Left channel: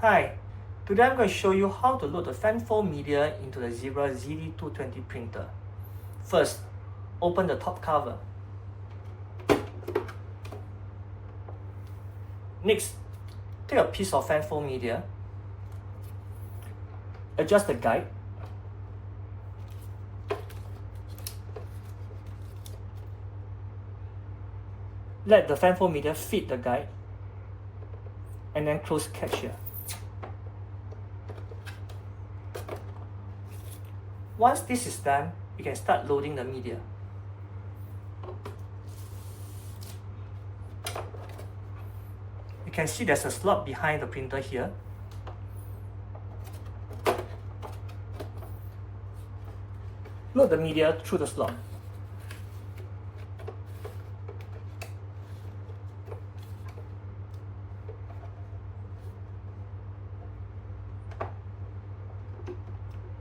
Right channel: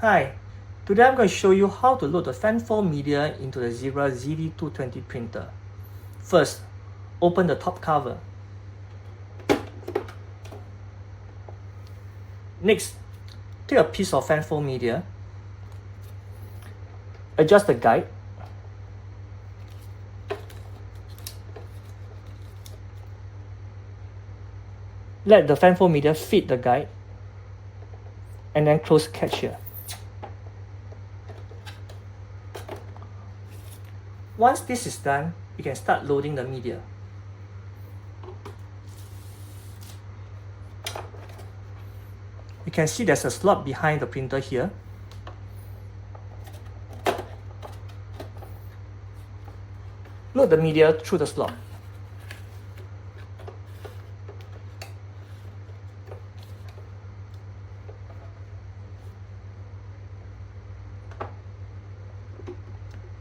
Hi, today I'm going to show you how to load the Fanfold media into the Zebra ZD220 printer. First, open the top cover. Next, take a piece of Fanfold media, adjust the guide, let the Fanfold media fit the guide, and then close catch here. Once this is done, you can start loading the media. You can see there's a slot behind the printer here. Load the media through the slot.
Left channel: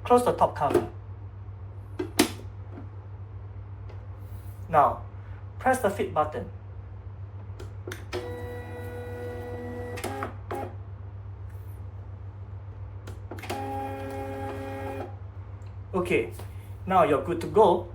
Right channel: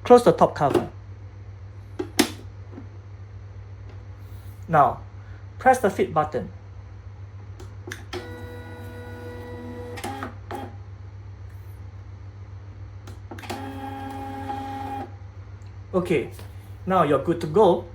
Close the top cover. Now, press the fit button. Okay, now you're good to go.